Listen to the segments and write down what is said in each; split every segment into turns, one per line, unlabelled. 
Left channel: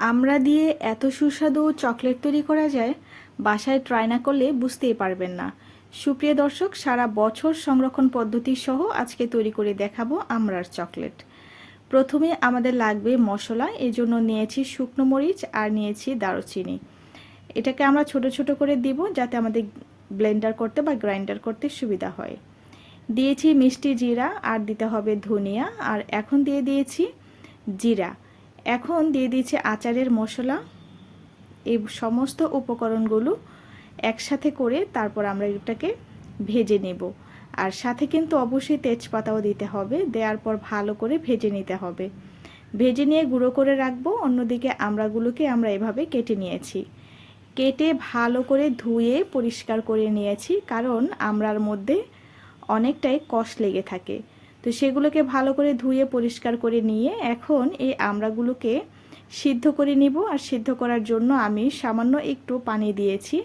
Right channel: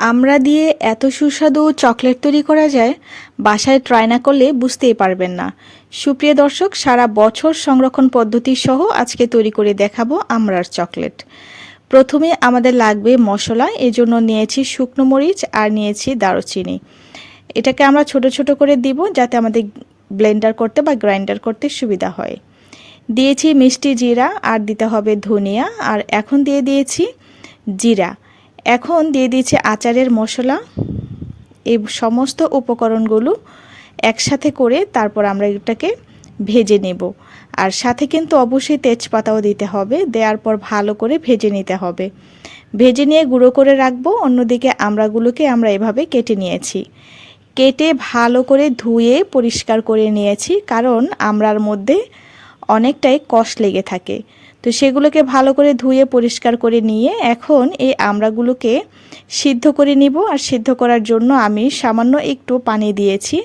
আমরা দিয়ে এত সুস্বাদু চকলেট তৈরি করা যায়, বাসায় ট্রাই না করলে বুঝতেই পারবেন না। সুপ্রিয় দর্শক, সারা বছর সংরক্ষণ পদ্ধতি সহ আজকে তৈরি করে দেখাবো আমরার চকলেট। প্রথমে আমাদের লাগবে মশলা, এজন্য নিয়েছি শুকনো মরিচ আর নিয়েছি দারুচিনি। এটাকে আমরা ছোট ছোট করে দিব যাতে আমাদের ব্লেন্ডার করতে বা গ্রাইন্ডার করতে সুবিধা হয়। দিয়েছি মিষ্টি জিরা আর দিতে হবে ধনিয়া আর এখন দিয়ে দিয়েছি জিরা। এখন দিয়ে দিয়েছি আচারের মশলা, এই সমস্ত উপকরণগুলো একসাথে করে তারপর আমরা এটাকে ভেজে নেব। আর সাথে কিন্তু অবশ্যই তেজপাতাও দিতে হবে, দেওয়ার পর ভালো করে ভেজে নিতে হবে। ভেজে নিয়ে গুঁড়ো করে রাখব, অন্যদিকে আমড়াগুলোকে আমরা এভাবে কেটে নিয়েছি। কেটে ভালো করে ধুয়ে পরিষ্কার করে নিয়েছি, কারণ আমড়ার মধ্যে অনেকটাই কষ লেগে থাকে। তো সেগুলোকে ভালো করে ধুয়ে পরিষ্কার করে নিয়ে এখন এই আমড়াগুলোকে সিদ্ধ করে নিব আর সিদ্ধ করার জন্য আমি সামান্য একটু পানি দিয়েছি।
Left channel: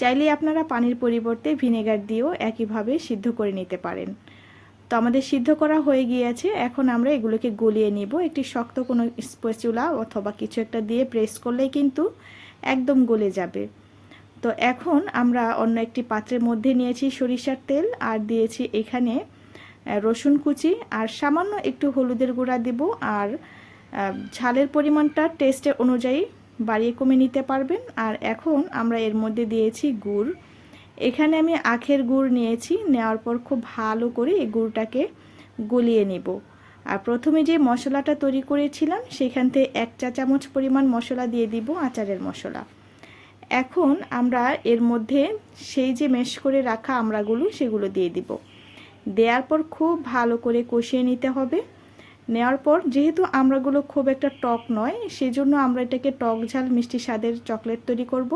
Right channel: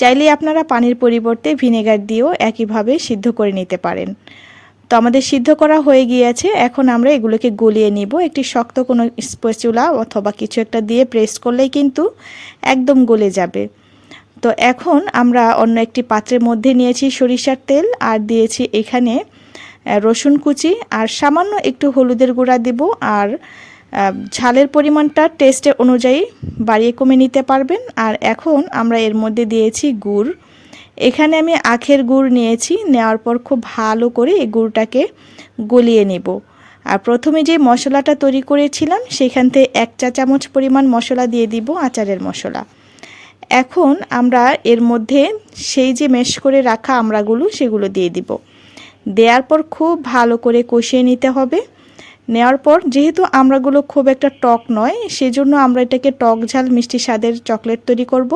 চাইলে আপনারা পানির পরিবর্তে ভিনেগার দিয়েও একইভাবে সিদ্ধ করে নিতে পারেন। তো আমাদের সিদ্ধ করা হয়ে গিয়েছে, এখন আমরা এগুলোকে গলিয়ে নিব। একটি শক্ত কোনো স্পেচুলা অথবা কিছু একটা দিয়ে প্রেস করলেই কিন্তু একদম গলে যাবে। তো এখন আমরা অন্য একটি পাত্রের মধ্যে নিয়েছি সরিষার তেল আর দিয়েছি এখানে রসুন কুচি আর সামান্য একটু হলুদের গুঁড়া দিব আর ঝালের পরিমাণটা টেস্টের অনুযায়ী বাড়িয়ে কমে নিতে পারবেন। আর এখন আমরা এর মধ্যে দিয়েছি গুড়। এখানে আমি আখের গুড় নিয়েছি, নেওয়ার পর খুব ভালো করে এই গুড়টাকে গলিয়ে নেব। আর প্রথমে যে মশলাটা তৈরি করেছিলাম, সেখান থেকে এক চা চামচ পরিমাণ মশলা দিয়ে দিব আচারের মশলা। এখন আমরা এর মধ্যে সেই যে মেশ করে রাখা আমড়াগুলো, সেগুলো দিয়ে দিব। দেওয়ার পর খুব ভালো করে কষিয়ে নিতে হবে। নেওয়ার পর যেহেতু আমরাগুলো খুব একটা টক নয়, সেজন্য আমরা এটাকে টক ঝাল মিষ্টি স্বাদের চকলেট তৈরি করব।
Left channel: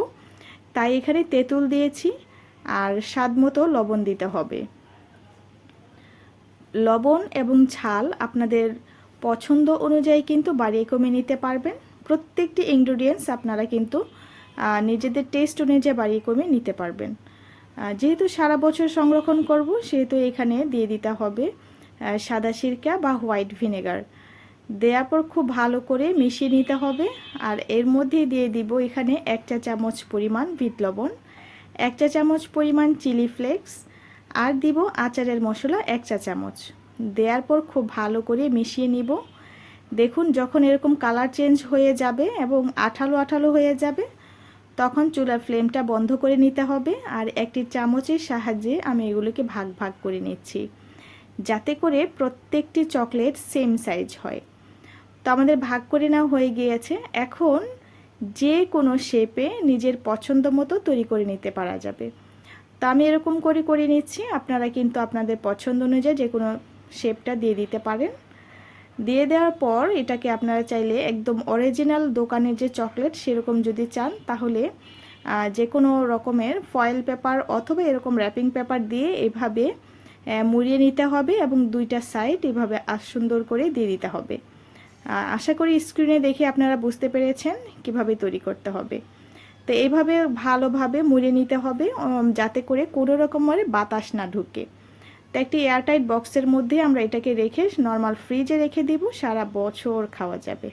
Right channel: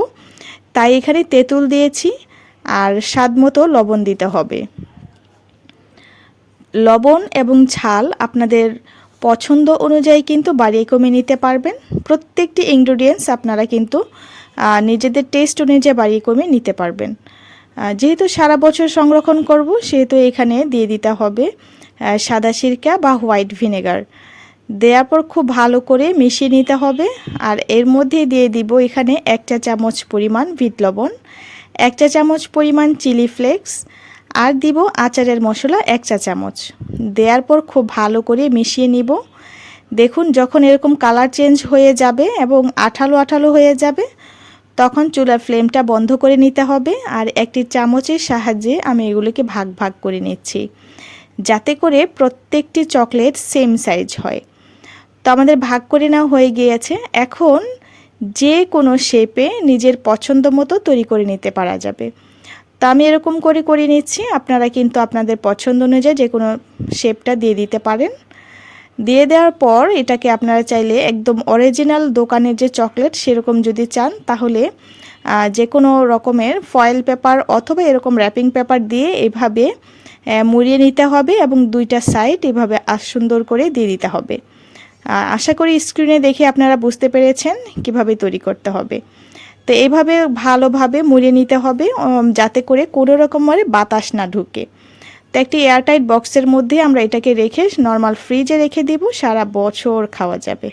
তাই এখানে তেঁতুল দিয়েছি আর স্বাদ মতো লবণ দিতে হবে। লবণ এবং ঝাল আপনাদের পছন্দ অনুযায়ী কিন্তু বাড়িয়ে কমে নিতে পারবেন। প্রত্যেকটি ইনগ্রিডিয়েন্টস আপনারা কিন্তু নিজেদের টেস্ট অনুযায়ী বাড়িয়ে কমে নিতে পারবেন। যেহেতু সারা বছর সংরক্ষণ করব, সেহেতু এখানে দিয়ে দিতে হবে সাদা সিরকা বা হোয়াইট ভিনেগার। দেওয়ার পর খুব ভালো করে মিশিয়ে নিতে হবে, আর এর মধ্যে দিয়ে দিব এখানে এক চা চামচ পরিমাণ বিট লবণ, এক চা চামচ পরিমাণ চিলি ফ্লেক্স আর দিব আচারের মশলা এক চা চামচ। দেওয়ার পর খুব ভালো করে মিশিয়ে নিব। দেখুন, যখন এরকম কালার চেঞ্জ হয়ে যাবে এবং আঠালো আঠালো হয়ে যাবে তখন চুলার ফ্লেমটা বন্ধ করে নিতে হবে আর একটি চামচের সাহায্যে আমি এগুলোকে ভাগ ভাগ করে নিচ্ছি। যাতে করে প্রত্যেকটি চকলেট সেম সাইজ হয়। তো আমাদের ভাগ করে নেওয়া হয়ে গিয়েছে। এখন যে কোনো শেপে নিজের পছন্দ মতো তৈরি করে নিতে পারা যাবে। তো আমি এরকম করে করে নিচ্ছি। আপনারা কিন্তু আপনাদের পছন্দ অনুযায়ী যে কোনো শেপটা দিয়ে দিতে পারেন। দিয়ে দেওয়ার পর এটাকে আপনারা চাইলে একদম অরিজিনাল দোকানের যে চকলেট সেরকম যদি চান, তাহলে যে কোনো রকমের ফয়েল পেপার অথবা এরকম র্যাপিং পেপার দিয়ে এভাবে মুড়িয়ে নিতে হবে এবং দুইটা সাইড এভাবে সুন্দর করে দিয়ে দিতে হবে। আশা করি স্ক্রিনে দেখে আপনারা বুঝতে পেরেছেন কীভাবে তৈরি করতে হবে। তো এইভাবে ভালোভাবে মুড়িয়ে নিতে হবে যাতে করে কোনো রকমের বাতাস না ঢুকে। তো একটি এয়ারটাইট বক্সের মধ্যে আমরা এটাকে রেখে নর্মাল ফ্রিজে রেখে দিব, সারা বছর খাওয়া যাবে।